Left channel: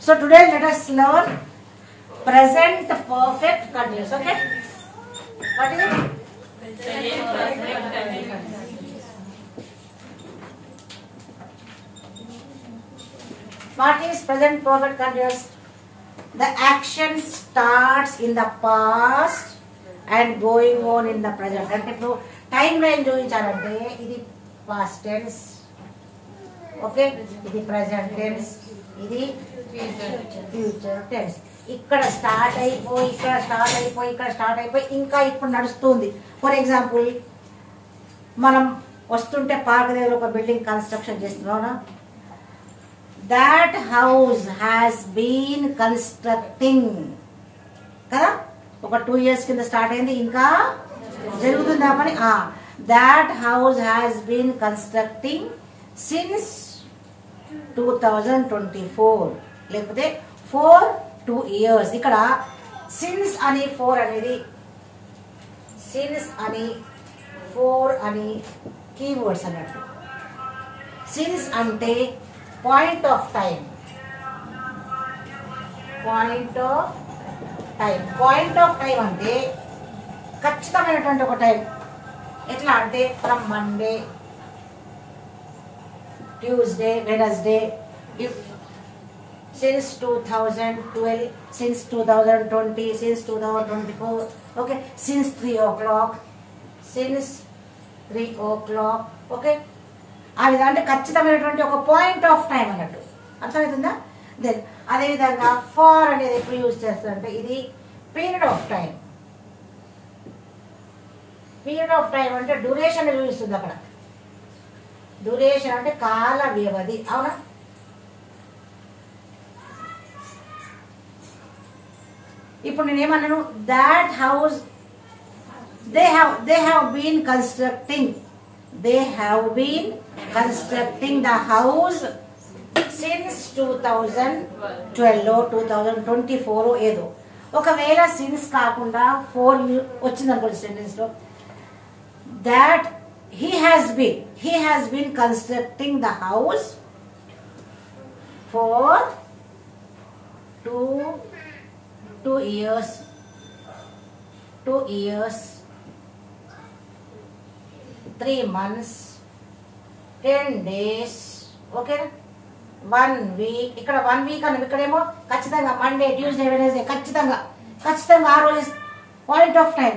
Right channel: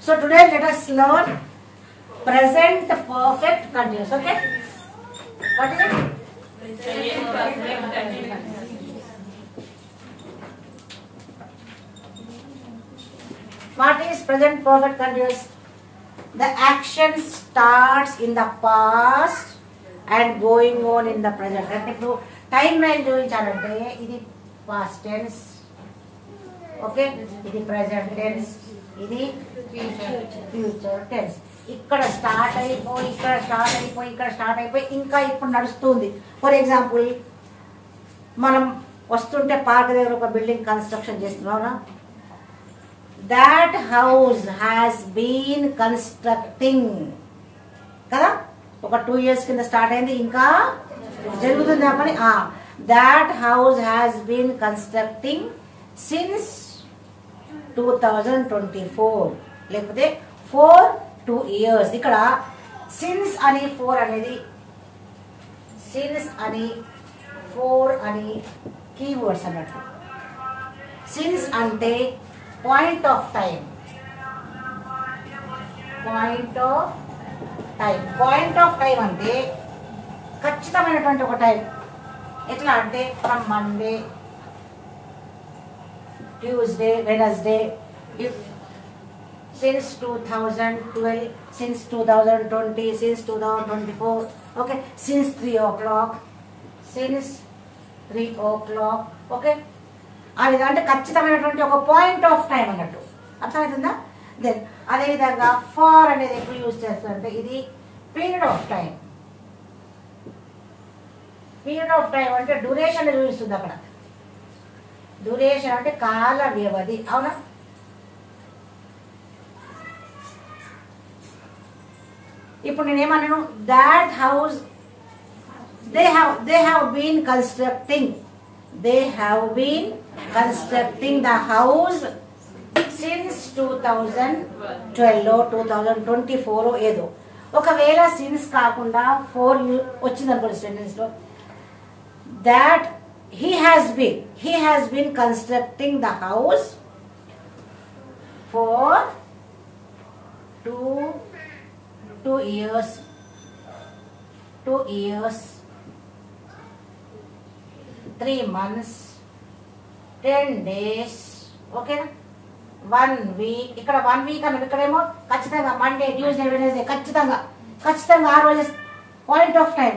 So today let us learn present perfect continuous. Okay, what is it? What is present perfect continuous? The action starts in the past and going on in the present. అంటే ఇప్పుడు time line చూపించాలంటే ఇది past tense, okay, ఇది present tense, ఇది future tense. ఇక్కడ start అయిపోయి ఇక్కడ start అయిపోయి ఇక్కడ స్టార్ట్ అయిపోయి ఇంకా ఇప్పుడు నడుస్తుంది. ఫర్ ఎగ్జాంపుల్ మనం వస్తుంటే పార్క్ దగ్గర ఒక బిల్డింగ్ కన్స్ట్రక్షన్ చేస్తున్నాం. That house has been constructing కదా, ఒక 2 years కింద స్టార్ట్ అయింది, ఇంకా జరుగుతుంది ఆ పని. That house has been constructing since 2024, లేకపోతే for 2 years. ఇక్కడ సిన్స్ అని 4 అనేది, సిన్స్ అని 4 అని కీవర్డ్స్ అన్నట్టు. సిన్స్ అంటే point of time, point of time. Point of time అంటే ఖచ్చితమైనటువంటి ఒక టైం. ఎట్లా అంటే from Monday, Tuesday, Wednesday, since 2012, since 2020, since 2024, okay, since 3 o'clock, since 3 o'clock, okay. ఆ విధంగా అంటే ఖచ్చితమైనటువంటి ఒక పాయింట్ ఆఫ్ టైం అన్నట్టు, అర్థమవుతుందా? దెన్ అదేవిధంగా ఫార్ అనేది ఎప్పుడు యూజ్ చేస్తారంటే ఇది period of time. Period of time అంటే డ్యూరేషన్ చూపిస్తుంది. అక్కడ డ్యూరేషన్ అంటే కాల వ్యవధి, అవునా? ఇప్పుడు నేనేమన్నాను, that house they have been constructing, they have been constructing the house since 2012 2024 ఏదో. ఒకవేళ సిన్స్ కాకుండా 4 వచ్చింది అనుకోండి సెంటెన్స్ లో, that he has been constructing the house for 2 years, 3 months, 10 days, ఓకేనా? 1 week. ఇక్కడ 1 week అన్నది ఇక్కడేమో ఖచ్చితంగా మండే, ట్యూస్డే, వెనస్డే, ఖచ్చితంగా ఆ రోజు పాయింట్ ఆఫ్ టైం,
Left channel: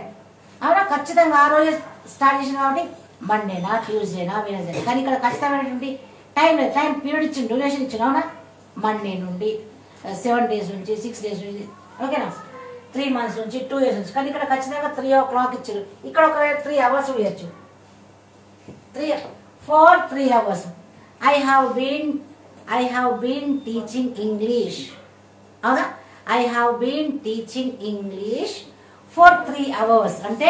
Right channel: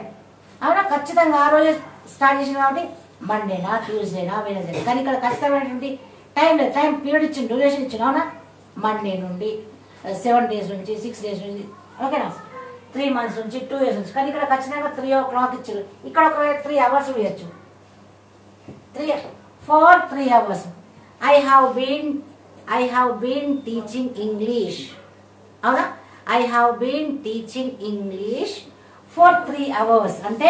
అవునా? ఖచ్చితంగా ఆ రోజు స్టార్ట్ చేసిన కాబట్టి మండేనా, ట్యూస్డేనా, వెనస్డే. కానీ ఇక్కడ ఖచ్చితమైనటువంటి టైం లేదు, టైం పీరియడ్ ఇచ్చింది, డ్యూరేషన్ ఇచ్చింది, అవునా? మండే నుండి 7 days నుంచి 6 days నుంచి, ఓకేనా? 3 months నుంచి 2 years నుంచి. కానీ ఇక్కడ ఖచ్చితంగా 3 o'clock ఇచ్చారు. ఇక్కడ ఒక 3 hours ఇవ్వచ్చు, for 3 hours. I have been teaching English, అవునా? I have been teaching English for 3 hours అంటే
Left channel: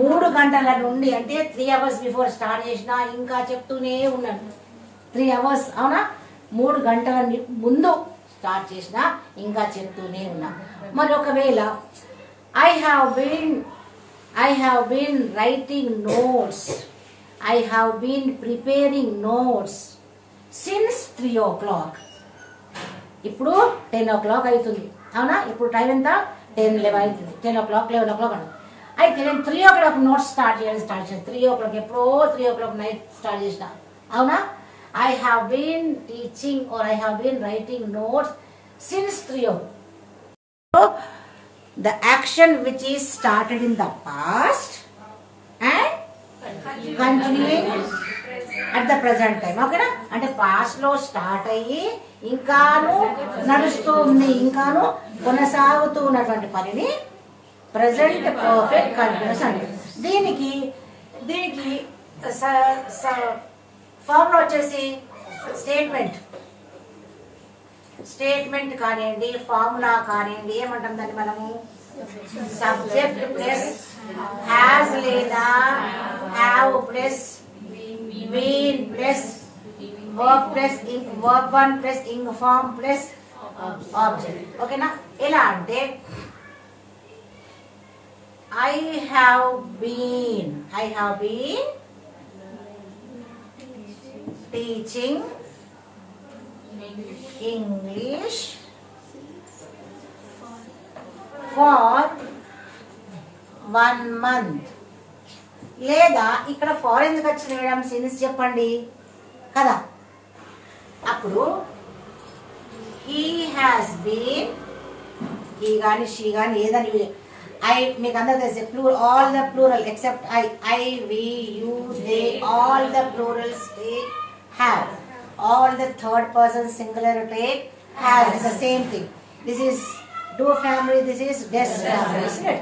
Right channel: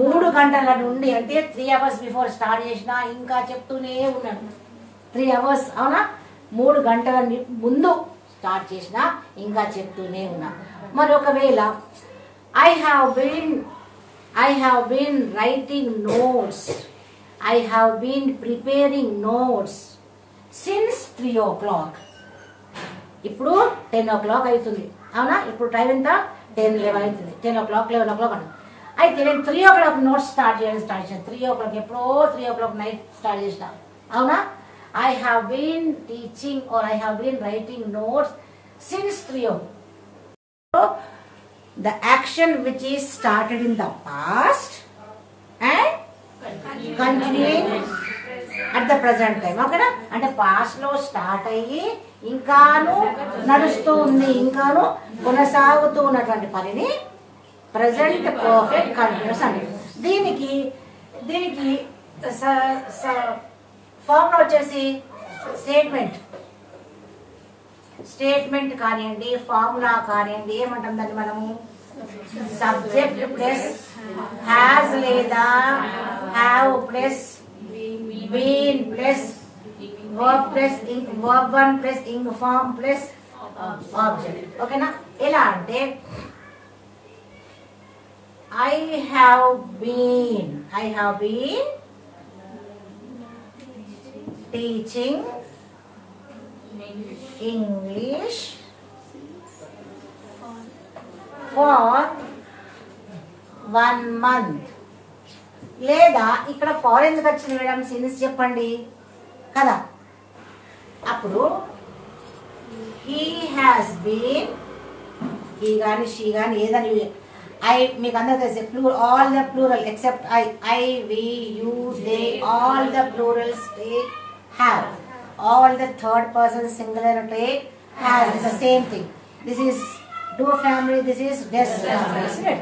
3 గంటల నుండి, అంటే 3 hours బిఫోర్ స్టార్ట్ చేసిన ఇంకా చెప్తూనే ఉన్నాను. 3 hours, అవునా? 3 గంటల ముందు స్టార్ట్ చేసిన ఇంకా చెప్తూనే ఉన్నా. మరి ఒకవేళ I have been writing notes, I have been preparing notes since 3 o'clock. ఇప్పుడు 10 o'clock అవుతుంది, అవునా? ఇప్పుడు టైం ఎంత? 10, 11 అవుతుంది. 10 o'clock 11 o'clock అన్న. అయితే నేను 3 o'clock నోట్స్ స్టార్ట్ చేసిన 3 o'clock, ఎప్పుడో 3 o'clock నైట్ స్టార్ట్ చేసిన, అవునా? I have been teaching or I have been writing notes since 3 o'clock. So, the action which is started in the past and continuing at the present time, ఓకేనా? అంటే past లో start అయ్యి ఇంకాను నడుస్తూ ఉంది, ఇంకాను కొనసాగుతూ ఉన్నటువంటి పనిని ప్రెజెంట్ పర్ఫెక్ట్ కంటిన్యూస్ అండి. దీనికి ఫార్ములా వచ్చేసి స్టేట్మెంట్ కానివ్వండి, ఫార్ములా కానివ్వండి, ఏమంటాం దాన్ని మనము? సబ్జెక్ట్ ప్లస్ హ్యాజ్ లేదా have plus been plus verb plus verb 1 plus ing form plus object, ఓకేనా? ఎలా అంటే I have been teaching English for 1 month. లేదా ఇక్కడ ఫార్ ఎందుకు వచ్చింది మేడం సిన్స్ చెప్పండి కదా. అప్పుడు he has been, he గాని she గాని ఏదని I మీకు అందరికీ తెలిసే plural, all the plural except I, we, you, they, all the plurals take have. All the third person singular take have. It's the same thing. This is do family, this is des family, isn't it?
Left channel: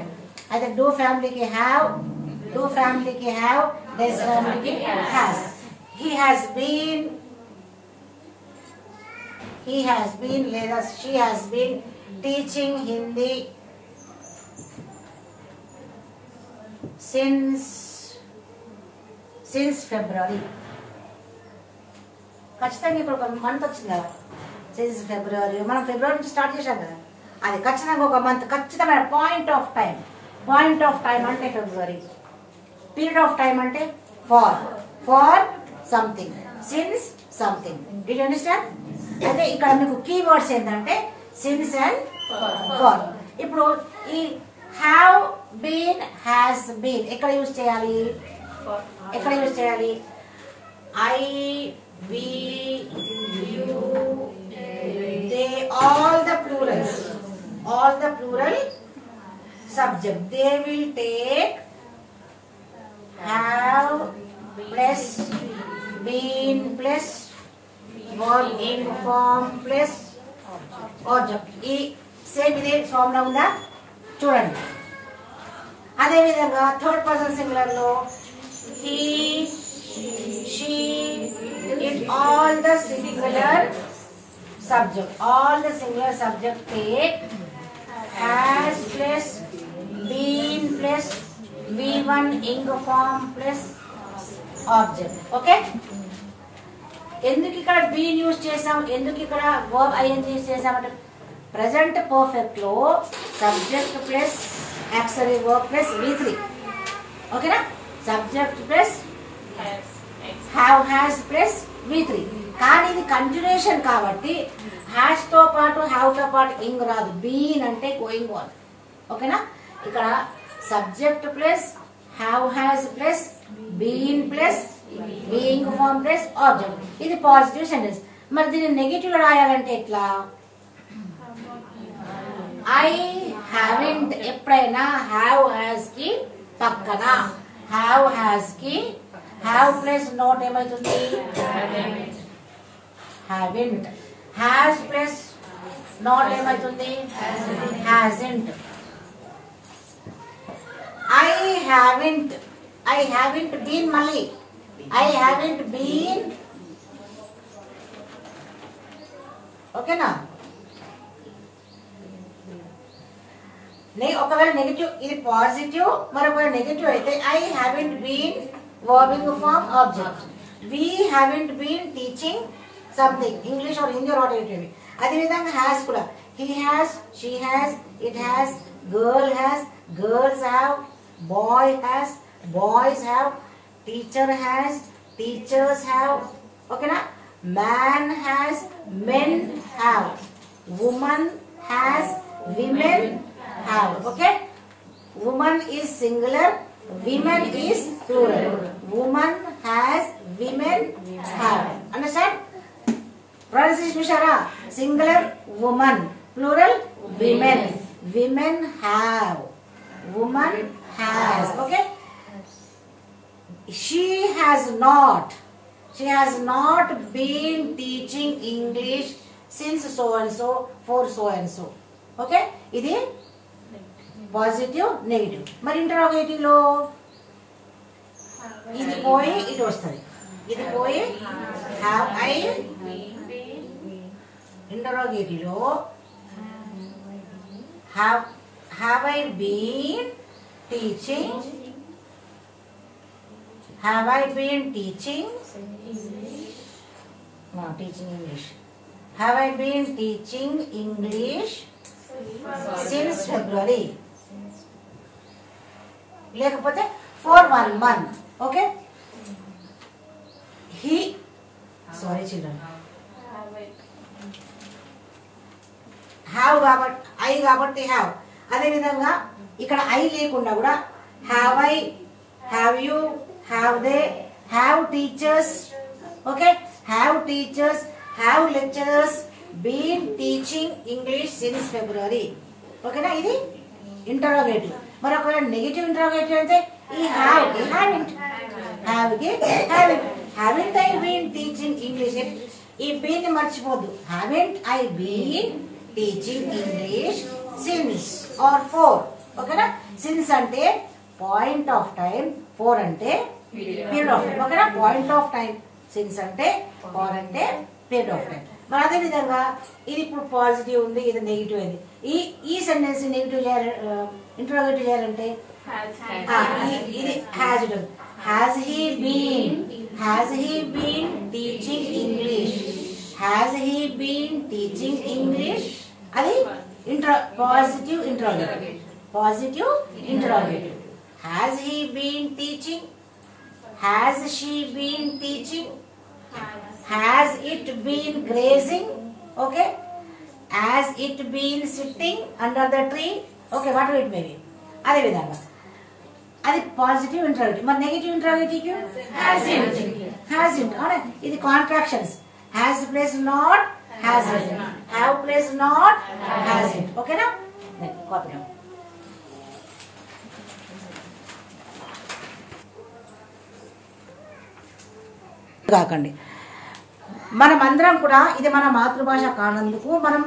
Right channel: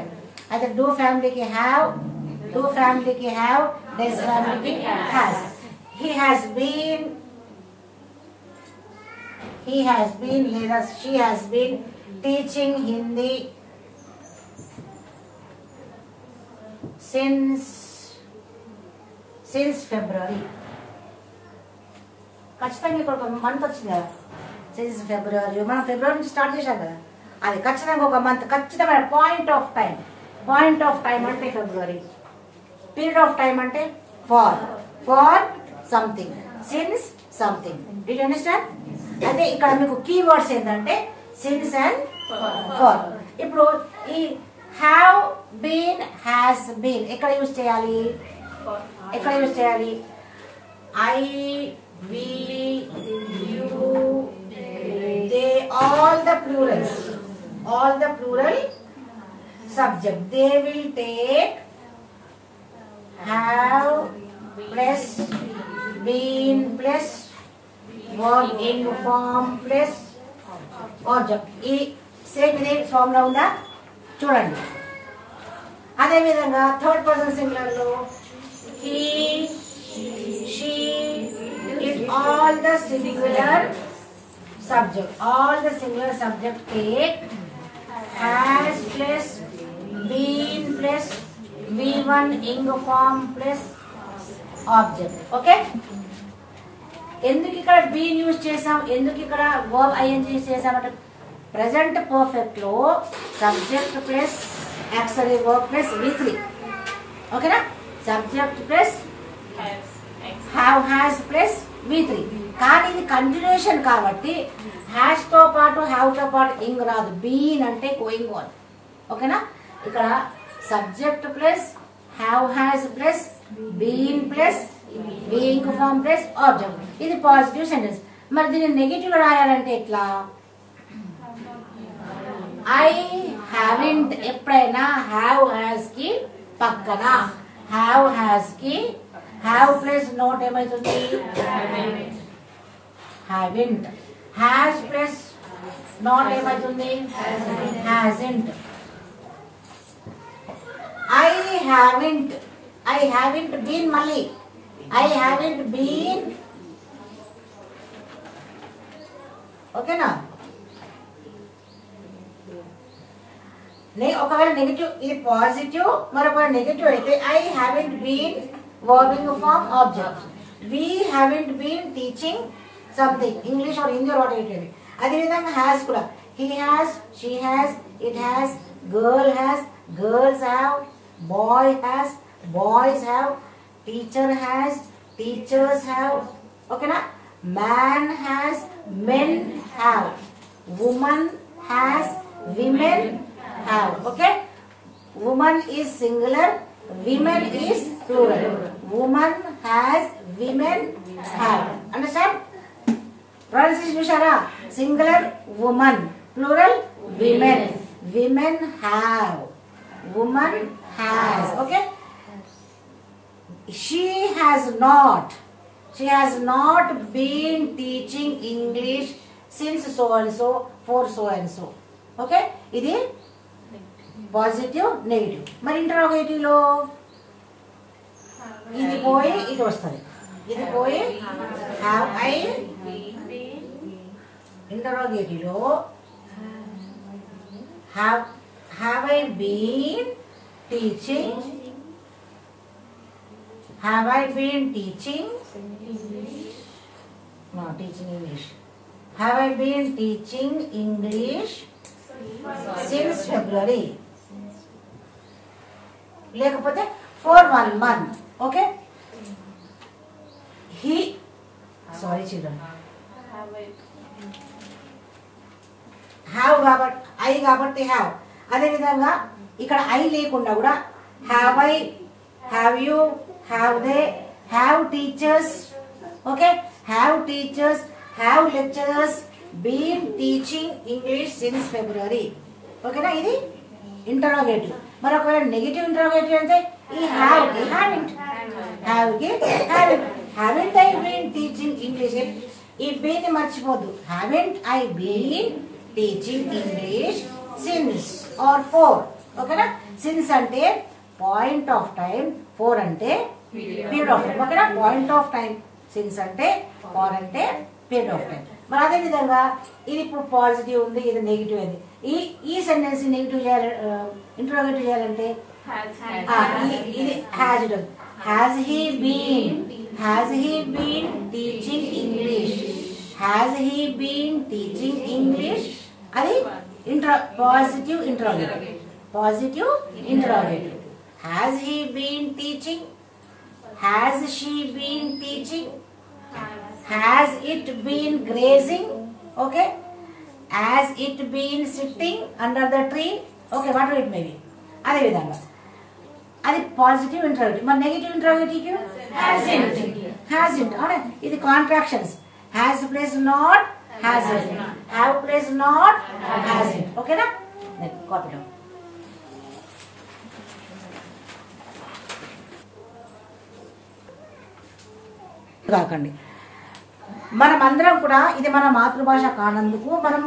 Either do family ki have, do family ki have, des family ki has. He has been లేదా she has been teaching Hindi since February. ఖచ్చితంగా ఇక్కడ ఒక month వచ్చింది కదా, since ఫిబ్రవరి. మనం ఫిబ్రవరి నుంచి start చేసాం కదా, అది ఖచ్చితంగా ఒక మంత్, ఖచ్చితమైన పాయింట్ ఆఫ్ టైం అంటే ఫిబ్రవరి. పీరియడ్ ఆఫ్ టైం అంటే for something, since something. Do you understand? అయితే ఇక్కడ మీకు కీవర్డ్స్ ఏంటంటే సిన్స్ అండ్ ఫార్. ఇప్పుడు ఈ హ్యావ్ బీన్, హ్యాస్ బీన్ ఎక్కడ యూజ్ చేయాలి? I, we, you, they, all the plural subject. They will take have plus been plus verb in form plus object. ఈ same ఇదే ఫామ్ లో ఉందా చూడండి. అదే విధంగా థర్డ్ పర్సన్ సింగులర్ లో he, she, in all the singular subject take has plus been plus v1 ing form plus object. Okay, ఎందుకు ఇక్కడ బీన్ యూజ్ చేసాం, ఎందుకు ఇక్కడ వర్బ్ ఐఎన్జీ యూజ్ చేసామంటే ప్రెసెంట్ పర్ఫెక్ట్ లో subject plus యాక్సరీ verb plus v3. ఓకేనా? Subject plus have has plus v3. కానీ ఇది కంటిన్యూషన్ కాబట్టి హ్యాస్ తో పాటు హ్యావ్ తో పాటు ఇంగ్ రాదు, బీన్ అంటే గోయింగ్ ఆన్. ఓకేనా? ఇక్కడ subject plus have has plus been plus being form plus object. ఇది పాజిటివ్ సెంటెన్స్. మరి దీన్ని నెగిటివ్ రాయాలంటే ఎట్లా? ఐ హ్యావింట్ ఎప్పుడైనా హ్యావ్ హ్యాస్ కి పక్కన హ్యావ్ హ్యాస్ కి హ్యావ్ ప్లస్ నోట్ ఏమైతుంది? హ్యావింట్. హ్యాస్ ప్లస్ నోట్ ఏమైతుంది? హ్యాజింట్. I haven't been మళ్ళీ I haven't been. ఓకేనా? ఒకవేళ నెగిటివ్, ఇది పాజిటివ్, మరొక నెగిటివ్ అయితే I haven't been verbing form object. We haven't been teaching something, English or Hindi or whatever. అదే విధంగా has కూడా he has, she has, it has, girl has, girls have, boy has, boys have, teacher has, teachers have. ఓకేనా? man has, men have, woman has, women have. Okay? woman is singular, women is plural. woman has, women have. Understand? Pronunciation చూసారా? singular woman, plural women. women have, woman has. Okay? she has not been teaching English since so and so for so and so. Okay? ఇది positive, negative. మరి interrogative లో ఇది పోయి ఇది వస్తుంది, ఇది పోయి హ్యావ్ ఐ. ఇంటరోగేటివ్ లో have I been teaching? Have I been teaching? No, teaching English. Have I been teaching English since February? లేకపోతే for 1 month. Okay? He, sorry children. Have కాబట్టి ఐ కాబట్టి హ్యావ్. అదేవిధంగా ఇక్కడ ఐ లేకుండా కూడా have I, have you, have they, have teachers, okay, have teachers, have lecturers been teaching English since February. ఓకేనా, ఇది interrogative. మరి ఒకవేళ నెగిటివ్ ఇంటరోగేటివ్ అంటే ఈ హ్యావ్ కి హ్యావింట్, హ్యావ్ కి haven't, haven't I been teaching English. ఈ బీన్ ని మర్చిపోద్దు. Haven't I been teaching English since or for. ఓకేనా, సిన్స్ అంటే పాయింట్ ఆఫ్ టైం, ఫోర్ అంటే పీరియడ్ ఆఫ్ టైం. ఓకేనా, పాయింట్ ఆఫ్ టైం, సిన్స్ అంటే, ఫోర్ అంటే పీరియడ్ ఆఫ్ టైం. మరి అదే విధంగా ఇది ఇప్పుడు పాజిటివ్ ఉంది, ఇది నెగిటివ్ అయింది. ఈ సెంటెన్స్ నెగిటివ్ చేయాలి, ఇంటరోగేటివ్ చేయాలంటే ఇది హ్యాజ్ ఉంటుంది. Has he been teaching English, has he been teaching English. అది positive interrogative, positive interrogative. Has he been teaching, has she been teaching, has it been grazing, okay, has it been sitting under the tree, okay, whatever it may be. అదే విధంగా అది positive interrogative. మరి negative interrogative hasn't. అవునా, ఇది contractions. Has place not hasn't, have place not hasn't. ఓకేనా, copy down. కాకండి, మనమందరం కూడా ఇది మన మాతృభాష కానందుకు మనం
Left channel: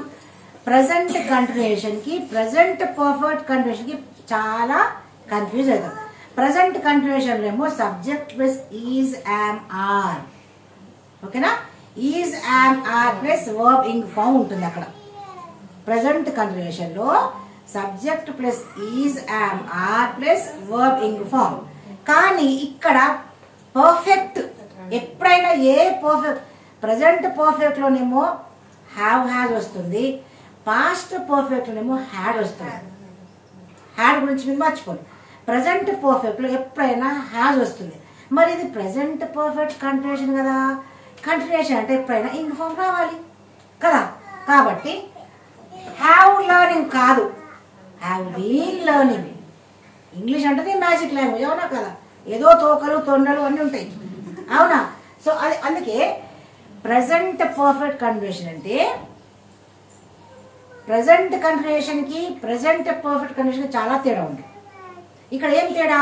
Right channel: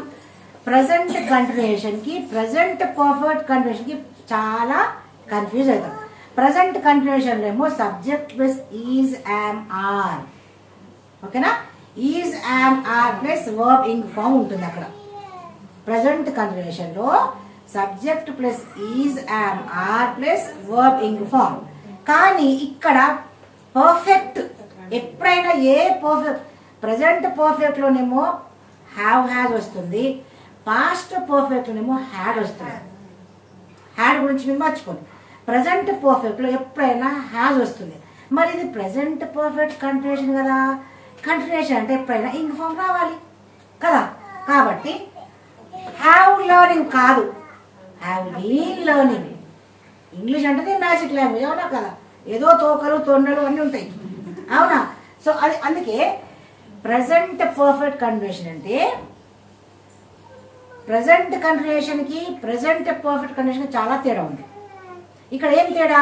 ప్రజెంట్ కంటిన్యూషన్ కి, ప్రజెంట్ పర్ఫెక్ట్ కంటిన్యూషన్ కి చాలా కన్ఫ్యూజ్ అవుతాం. ప్రజెంట్ కంటిన్యూషన్ ఏమో subject plus is am are. ఓకేనా, is am are plus verb ing form ఉంటుంది అక్కడ. ప్రజెంట్ కంటిన్యూషన్ లో subject plus is am are plus verb ing form. కానీ ఇక్కడ పర్ఫెక్ట్ ఎప్పుడైనా ఏ పర్ఫెక్ట్, ప్రజెంట్ పర్ఫెక్ట్ లోనేమో హ్యావ్ హ్యాజ్ వస్తుంది, పాస్ట్ పర్ఫెక్ట్ లోనేమో హ్యాడ్ వస్తుంది. హ్యాడ్ గురించి మీరు మర్చిపోండి. ప్రజెంట్ పర్ఫెక్ట్ లో ఎప్పుడైనా హ్యాజ్ వస్తుంది. మరి ఇది ప్రజెంట్ పర్ఫెక్ట్ కంటిన్యూషన్ కదా. కంటిన్యూషన్ అంటే ఎప్పుడైనా ఇంగ్ ఫామ్ రావాలి కదా. కాబట్టి హ్యావ్ లెర్నింగ్ కాదు, హ్యావ్ బీన్ లెర్నింగ్. ఇంగ్లీష్ అంటే మ్యాజిక్ లాంగ్వేజ్, అవునా కదా, ఏదో తోకలు తొండలు అన్ని ఉంటాయి, అవునా. సో అది అందుకే ప్రజెంట్ పర్ఫెక్ట్ కంటిన్యూషన్ అంటే ప్రజెంట్ కంటిన్యూషన్ కి ప్రజెంట్ పర్ఫెక్ట్ కంటిన్యూషన్ కి చాలా తేడా ఉంది. ఇక్కడ ఏం తేడా,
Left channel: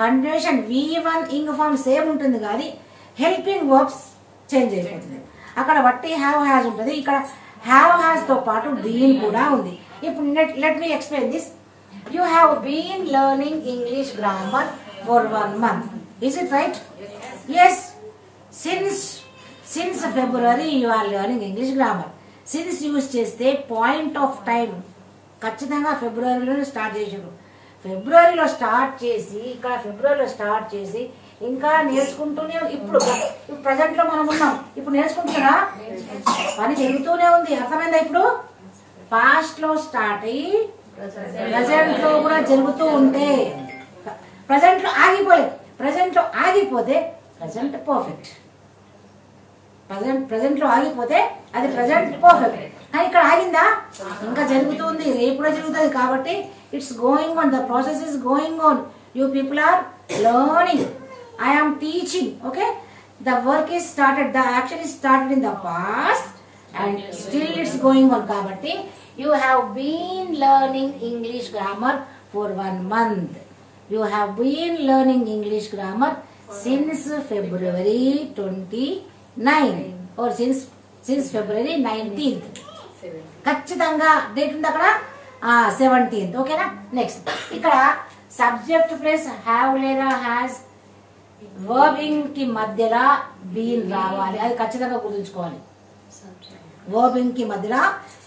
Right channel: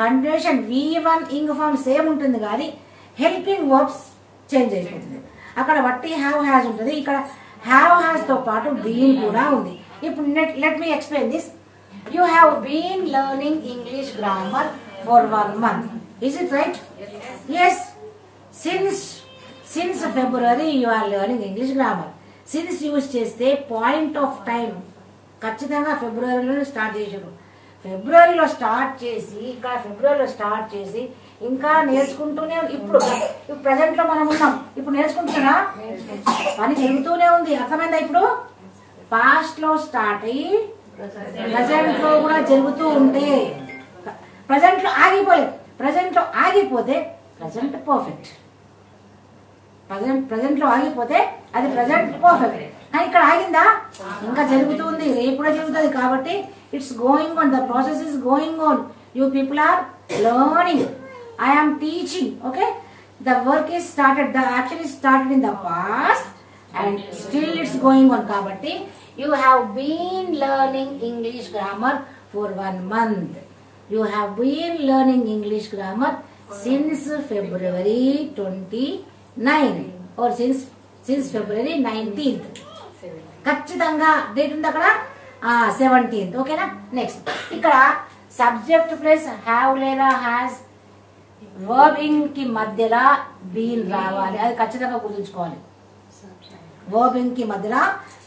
continuation V1 ing form same ఉంటుంది కానీ హెల్పింగ్ వర్బ్స్ చేంజ్ అయిపోతుంది. అక్కడ వట్టి హ్యావ్ హ్యాజ్ ఉంటుంది, ఇక్కడ హ్యావ్ హ్యాజ్ తో పాటు బీన్ కూడా ఉంది. ఇప్పుడు let me explain this. You have been learning English grammar for 1 month. Is it right? Yes. Since February you are learning English grammar. Since use చేస్తే పాయింట్ ఆఫ్ టైం ఖచ్చితంగా ఫిబ్రవరిలో start చేసారు. ఫిబ్రవరిలో స్టార్ట్ చేసి ఇక్కడ ఫిబ్రవరిలో స్టార్ట్ చేసి ఇంకా నేర్చుకుంటూనే, ఇప్పుడు ప్రజెంట్ లో మనం ఉన్నాం, ఇప్పుడు నేర్చుకుంటున్నా పని జరుగుతూనే ఉంది. అర్థమైందా? ఇప్పుడు పాస్ట్ లో స్టార్ట్ అయ్యి ప్రజెంట్ లో కూడా జరుగుతూ ఉంటే, ప్రజెంట్ లో ఆగిపోతే ప్రజెంట్ పర్ఫెక్ట్, ప్రజెంట్ లో ఆగిపోతే అది ప్రజెంట్ పర్ఫెక్ట్. కానీ ఇక్కడ ఆగిందా, ఇంకా జరుగుతుంది, రేపు కూడా జరుగుతుంది. కాబట్టి it's going on, the process is going on. You people are learning, I am teaching. Okay, the work is started, the action is started in the past and still it's going on. కాబట్టి you have been learning English grammar for 1 month. You have been learning English grammar since February 29 or since February 19th. ఖచ్చితంగా date ఉంది అక్కడ 17th. ఓకేనా. Next ఇక్కడ subject plus have లేదా has వర్బింగ్ కి మధ్యలో been రావాలి, అది ఖచ్చితంగా గుర్తుంచుకోవాలి. వర్బింగ్ కి మధ్యలో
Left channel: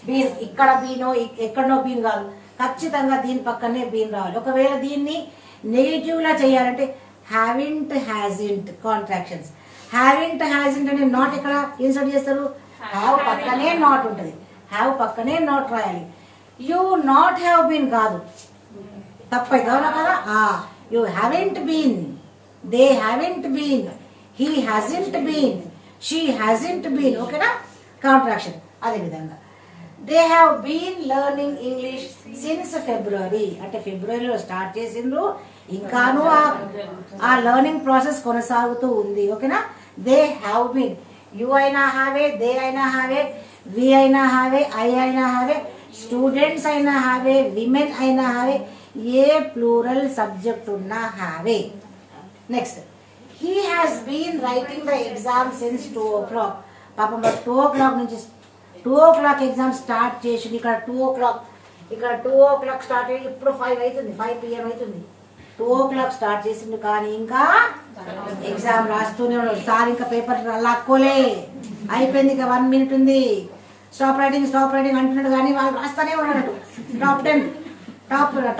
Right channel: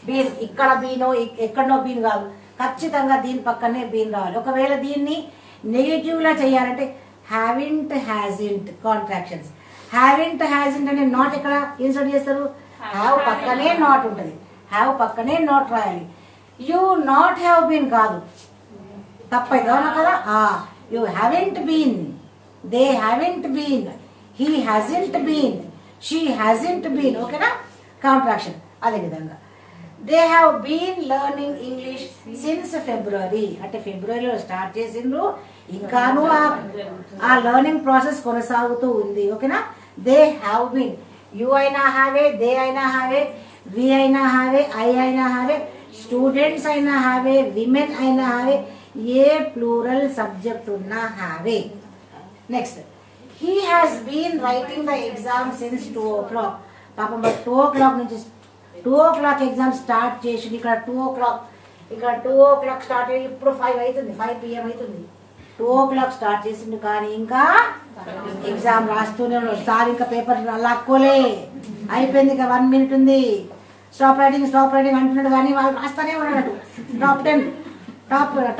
బీన్, ఇక్కడ బీనో ఎక్కడనో బీన్ కాదు, ఖచ్చితంగా దీని పక్కనే బీన్ రావాలి. ఒకవేళ దీన్ని నెగిటివ్ లా చేయాలంటే haven't hasn't contractions. Haven't hasn't అనే నాట్ ఇక్కడ ఇన్సర్ట్ చేస్తారు, హ్యావ్ పక్కనే నాట్ ఉంటుంది, హ్యావ్ పక్కనే నాట్ రాయాలి. యూ నాట్ హ్యావ్ బీన్ కాదు, తప్పైతే అవునా కదా. You haven't been, they haven't been, he hasn't been, she hasn't been. ఓకేనా. కాంట్రాక్షన్. అదే విధంగా they have been learning English since February, అంటే ఫిబ్రవరిలో స్టార్ట్ చేసిండ్రు, ఇంకాను ఆ లెర్నింగ్ ప్రాసెస్ కొనసాగుతూ ఉంది. ఓకేనా? దే హ్యావ్ బీన్, యు అయినా హ్యావే, దే అయినా హ్యావే, వి అయినా హ్యావే, ఐ అయినా హ్యావే, స్టూడెంట్స్ అయినా హ్యావే, విమెన్ అయినా హ్యావే, ఏ ప్లూరల్ సబ్జెక్ట్ ఉన్నా హ్యావే. Next, he has been writing the exam since 2 o'clock. పాపం 2 o'clock నుంచి 2 o'clock ఎగ్జామ్ స్టార్ట్ చేసింది. ఇక్కడ 2 o'clock, ఇక్కడ 2 o'clock స్టార్ట్ అయ్యి ఇప్పుడు 5 అవుతుంది, 5 PM అవుతుంది. 2 o'clock స్టార్ట్ చేసింది కానీ ఇంకా ఎగ్జామ్ రాస్తూనే ఉన్నాడు. సార్ ఇంకా పేపర్ లాక్కోలే, అయిపోయింది, ఇంకా 1 minute ఉంది, స్టాప్ రైటింగ్ అంటున్నాడు కానీ వాళ్ళు రాస్తానే ఉన్నాడు.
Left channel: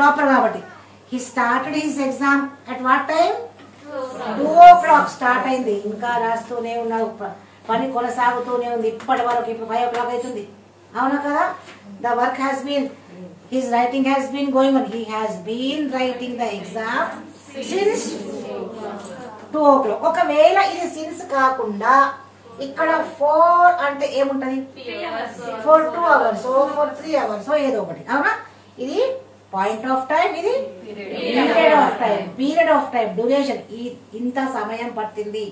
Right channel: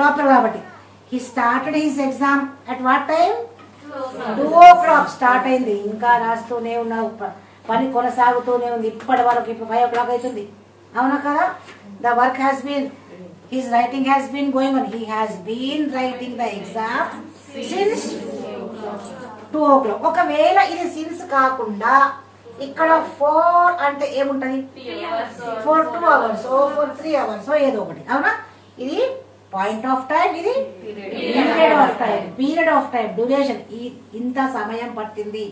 టాపర్ కాబట్టి. He started his exam at what time? 2 o'clock start అయింది, ఇంకా రాస్తూనే ఉన్నాడు, పని కొనసాగుతూనే ఉంది ఇప్పటి వరకు. ఇప్పుడు 5 o'clock అవుతుంది, అవునా కదా? The work has been, his writing has been going on. He has been writing the exam since 2 o'clock. ఒకవేళ ఇది సిన్స్ కాకుండా ఇక్కడ 4 అంటే ఏముంటది? ఫర్ 2 hours, ఫర్ 3 hours ఏదో ఒకటి, అవునా? ఇది పాయింట్ ఆఫ్ టైం, ఇది పీరియడ్ ఆఫ్ టైం, డ్యూరేషన్. ఇంత సమయం పట్టింది,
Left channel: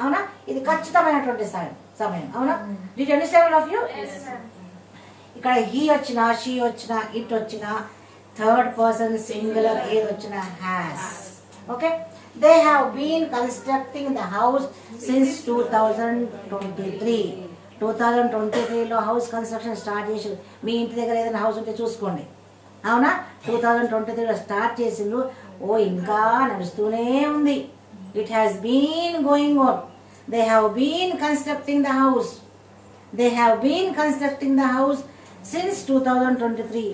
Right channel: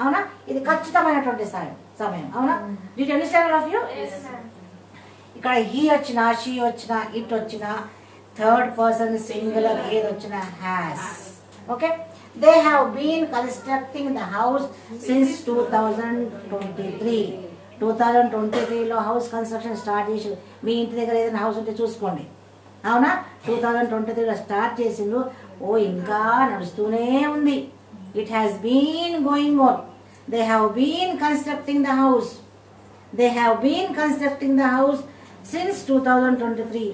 అవునా? ఇది ఖచ్చితమైనటువంటి సమయం, అవునా? Did you understand of you? ఇక్కడ హీ వచ్చినా, షీ వచ్చినా, ఇట్ వచ్చినా, థర్డ్ పర్సన్ సింగులర్ ఏది వచ్చినా has. Okay? They have been constructing the house since 2023. 2023లో హౌస్ కన్స్ట్రక్షన్ స్టార్ట్ చేసి, మీ ఇంటి దగ్గర ఏదైనా హౌస్ ఉంటే చూసుకోండి, అవునా? 2023లో స్టార్ట్ చేసిండ్రు. ఓ ఇంకా నడుస్తూనే ఉంది. It has been going on. They have been constructing the house. They have been constructing the house since 2023.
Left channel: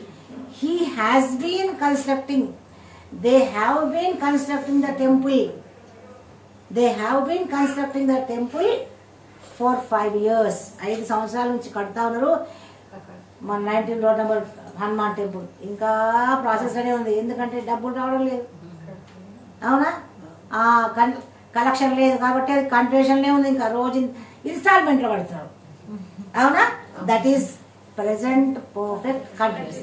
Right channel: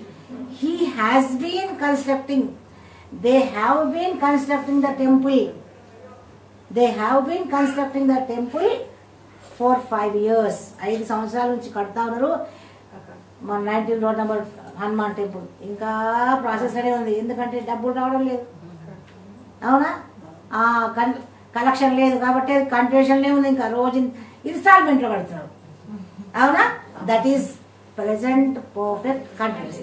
He has been constructing. They have been constructing the temple. They have been constructing the temple for 5 years. 5 సంవత్సరాల నుంచి కడతా ఉన్నారు. మన 19 road number Hanuman temple ఇంకా process అనే ఉంది. ఎందుకంటే డబ్బులు రావడం లేదు, అవునా? కలెక్షన్ లేదు కాబట్టి అది కంటిన్యూషన్లే ఉంది. ఇంకా రోజు ఇన్స్టాల్మెంట్ లో కడుతున్నారు, అవునా? That is present perfect continuous.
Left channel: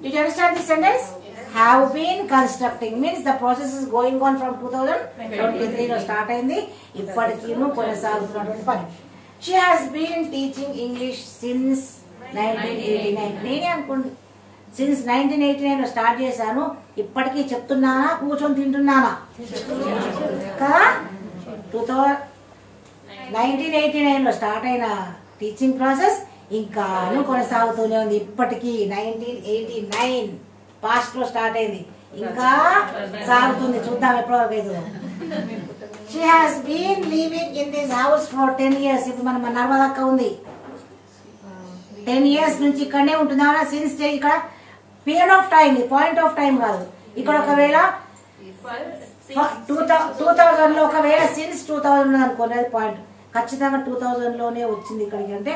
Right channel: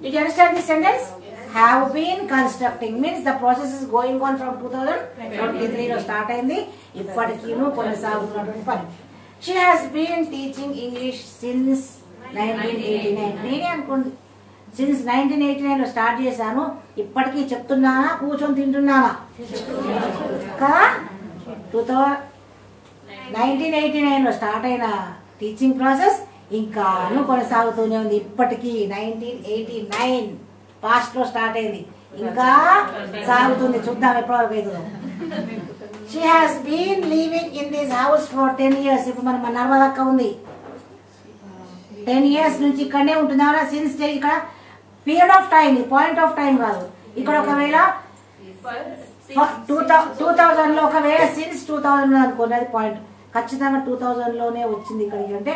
Did you understand this sentence? Have been constructing means the process is going on from 2023 లో స్టార్ట్ అయింది, ఇప్పటికీ కొనసాగుతున్నటువంటి పని. She has been teaching English since 1989. నేనే అనుకోండి, సిన్స్ 1989 లో స్టార్ట్ చేశాను, ఇప్పటికీ చెప్తున్నానా, కూర్చొని తింటున్నానా కదా? 1989 లో స్టార్ట్ అయిన టీచింగ్ ప్రాసెస్ ఇంకాను కొనసాగుతూనే ఉంది ఇప్పటికీ. 1989 పాస్ట్ లో స్టార్ట్ అయింది, ఇంకా సాగుతుంది. చూద్దాం ఎప్పటివరకు అవుతుందో. She has been living in this house for 10 years. ఇప్పుడు మన నర్మదక్క ఉంది, 10 years నుంచి ఇక్కడనే ఉంటుంది, అవునా? సిన్స్ ఇక్కడ period of time, point of time కాదు. ఇక్కడ ఒకవేళ 2000 లో ఒకవేళ సిన్స్ 2000 అనుకోండి, అది పాయింట్. ఖచ్చితంగా 2000 లోనే వచ్చింది ఇక్కడికి. అంటే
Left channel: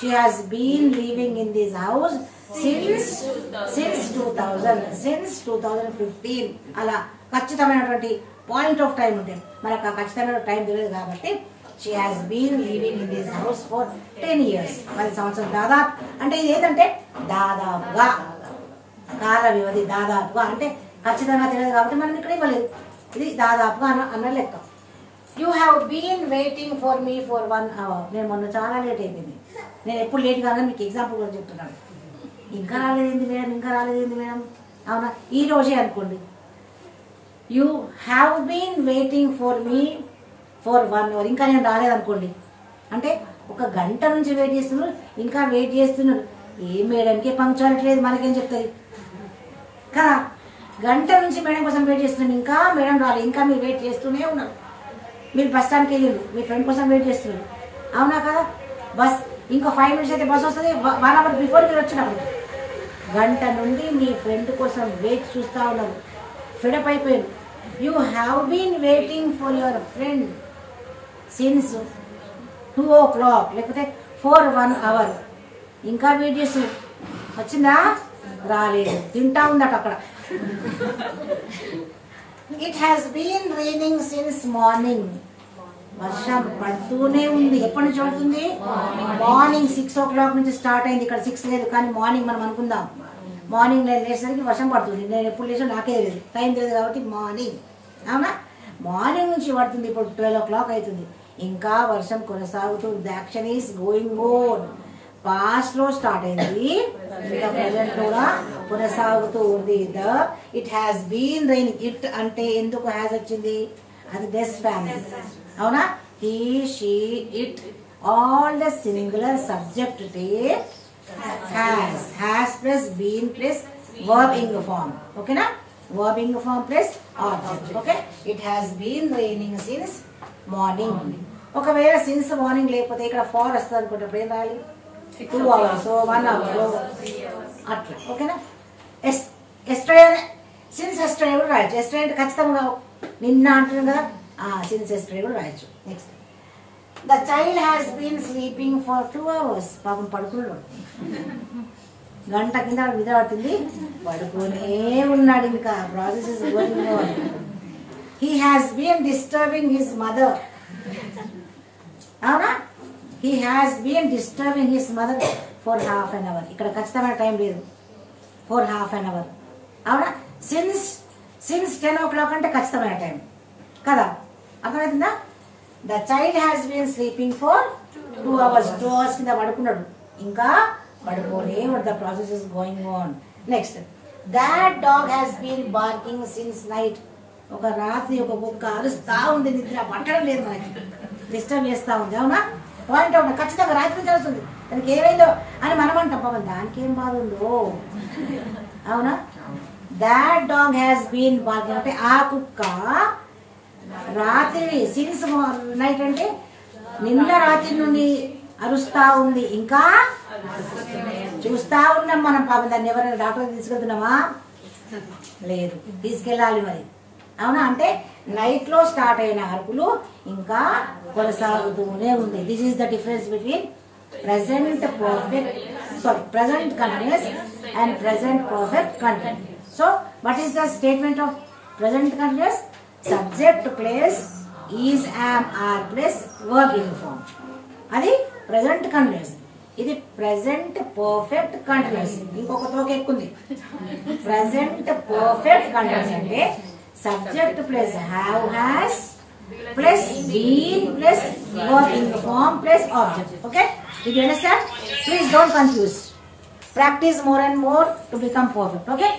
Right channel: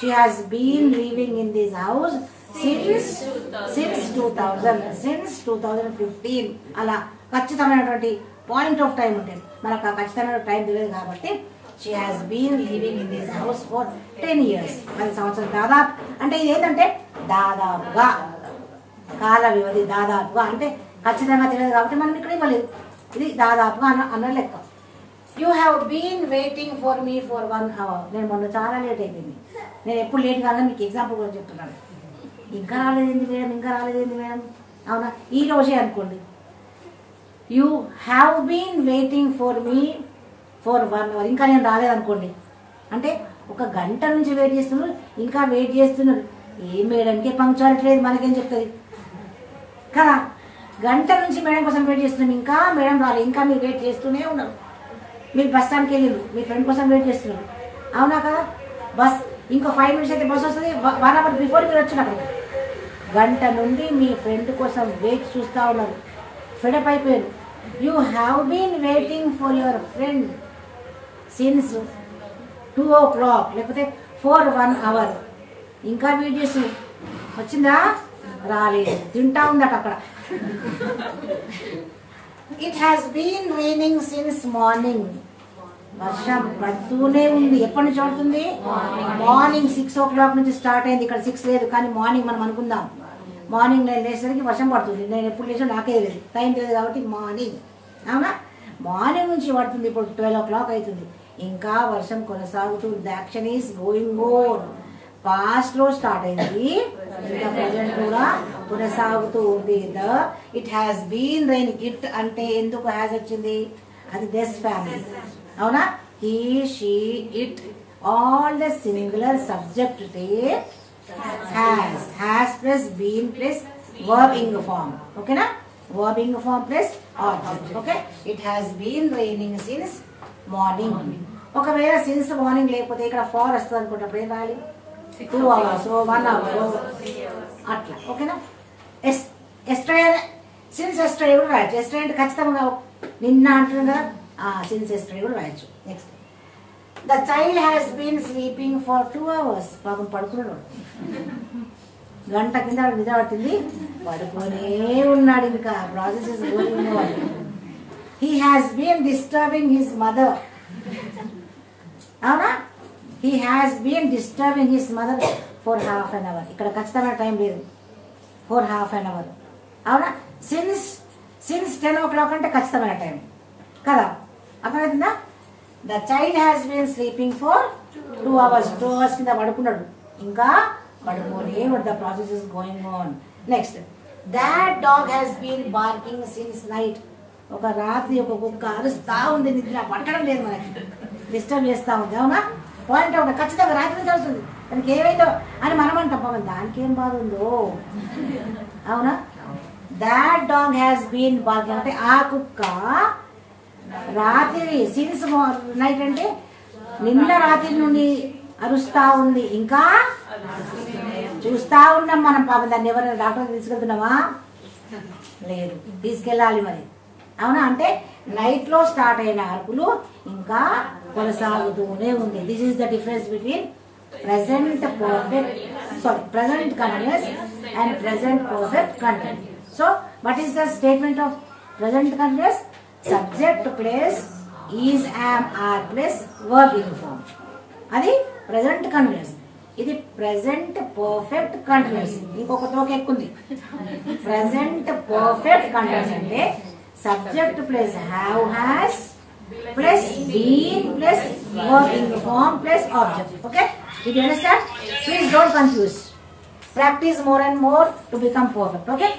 she has been living in this house since 2000, since 2015. అలా ఖచ్చితమైనటువంటి పాయింట్ ఆఫ్ టైం ఉంటుంది. మనకు ఆ ఖచ్చితమైన టైం తెలియదు కాబట్టి she has been living in this house for 10 years. 10 సంవత్సరాలు దాదాపు. అంటే ఇది ఏంటంటే దాదాపుగా, కాల వ్యవధి దాదాపుగా, అంటే ఖచ్చితంగా తెలియదు కాబట్టి మనం ఇక్కడ ఇవ్వలేదు. ఇది దాదాపుగా అన్న లెక్క. You have been waiting for me for 1 hour. నేను మొన్న చాలా లేట్ అయిపోయింది. నేను ఎప్పుడు లేట్ కాదని మీకు ఎగ్జాంపుల్ కూడా చెప్తున్నాను. ఇంకా రాలేదేంది మేడం, అవునా? ఈ రోజే అనుకోండి, you have been waiting for me for 1 hour. ఇంకా నేను రాలేదనుకోండి, అంటే 1 గంట నుంచి వెయిట్ చేస్తున్నారు, ఇంకా వెయిట్ చేస్తున్నారు. ఏ మేడంకే పంక్చువాలిటీ లేదు, మనకేం చెప్తుంది కదా? గంట నుంచి మేడం కోసం వెయిట్ చేస్తున్నాను, ఇంకా మేడం రాలేదు, ఇంకా మీరు వెయిట్ చేస్తూనే ఉన్నారు. మీరు బస్ స్టాండ్కి వెళ్ళారు, మీ ఫ్రెండ్ కోసం వెయిట్ చేస్తున్నారు, అవునా కదా? బస్ ఇంకో 5 minutes అయితే బస్ వస్తుంది, 1 hour బిఫోర్ మీరు వచ్చినప్పుడు. గంట నుండి మీ ఫ్రెండ్ కోసం వెయిట్ చూస్తూ ఉన్నారు, ఫెడప్ అయిపోయారు. You have been waiting for your friend since 2 o'clock లేకపోతే ఫర్ 1 hour. ఇంకా వెయిట్ చేస్తున్నారు. వచ్చిందా? రాలేదు, తింటా ఉందట అక్కడ. It has been raining since morning. వర్షం పడుతూనే ఉంది. ఎప్పటి నుంచి పడుతుంది? మార్నింగ్ 6 o'clock నుంచి స్టార్ట్ అయింది. ఇక్కడ 6 లేదు కానీ మార్నింగ్ మనం అనుకుందాం. మార్నింగ్ నేను లేచేసరికి వర్షం పడుతుంది. నేను ఎప్పుడు లేచా నాకే తెలియదు, టైం తెలియదు కాబట్టి మార్నింగ్. అవునా? మార్నింగ్ నుంచి పడుతుంది. ఇప్పుడు 12 o'clock అవుతుంది. ఇంకా వర్షం కొనసాగుతుంది. The action is going on. Past లో స్టార్ట్ అయింది, ఇంకా ప్రజెంట్ కూడా కొనసాగుతూ ఉంది. It has been raining. It అంటే ఎందుకు హ్యాస్ వచ్చింది? అది దిస్ ఫ్యామిలీ. అవునా? He, she, it, all the singular subject take has plus been plus verbing form. ఓకేనా? Verbing form plus object. Okay. It has been raining since morning. ఒకవేళ since morning లేకపోతే ఇక్కడ far వస్తుంది అనుకుంటే ఏం రాయాలి? 2 hours, 1 hour, అట్లా. ఓకేనా? ఎస్టర్డే సిన్స్ ఎస్టర్డే కూడా రాయొచ్చు. ఎస్టర్డే అంటే ఖచ్చితంగా నిన్న అంటున్నాం కదా, సిన్స్ ఎస్టర్డే కూడా రాయొచ్చు. Next, the child has been sleeping for 2 hours. పాపం పడుకున్నాడు. గంట కింద నిద్ర పడుతుంది, పడుకునే ఉన్నాడు. ఇంకా process is going on. He has been disturbing his mother. అవునా? He has been disturbing his mother for half an hour. ఇక్కడ ఖచ్చితమైన టైం లేదు, ఫర్ half an hour. అవునా? సిన్స్ 10 o'clock అంటే ఖచ్చితమైన టైం కదా, అర్థమవుతుందా? The child has been sleeping for 2 hours. 2 hours కింద పడుకున్నాడు, ఇంకా పడుకోలే. The process is going on. Next, that dog has been barking since night. ఒక రాత్రి ఒక కుక్క అరుస్తా ఉంది, నిద్ర పట్టడం లేదు, మనకి డిస్టర్బ్ చేస్తా ఉంది. అవునా? పాయింట్ అవునా? ఖచ్చితంగా రాత్రి నుంచి వస్తుంది, దానికి ఏమైందో అని మనం అంటాం. పాపం దానికి ఏం బాధ ఉందో. అవునా? That dog has been barking అంటే ఆ కుక్క రాత్రి, సిన్స్ నైట్ అంటే నిన్న రాత్రి నుండి అరుస్తా ఉంది, ఇంకా చూస్తా ఉన్నాం మనం. పాపం దాన్ని ఎవరైనా డాక్టర్ తీసుకెళ్తున్నామా? లేదు, తీసుకెళ్ళాలి మరి. అవునా? అంటే నైట్ లో స్టార్ట్ అయిన అరుపులు ఇంకా కొనసాగుతూనే ఉంది. This is the difference between present continuous and present perfect continuous. So what is the statement of present continuous? Subject plus is, am, are plus verb in form. అది present continuous. ఇది present perfect continuous. ఇంకొక తోక ఎక్కుంది. present perfect continuous అంటే subject plus have, has plus been plus verb in form plus object. Okay? Did you understand? Please don't confuse. Practice more and more to become perfect. Okay?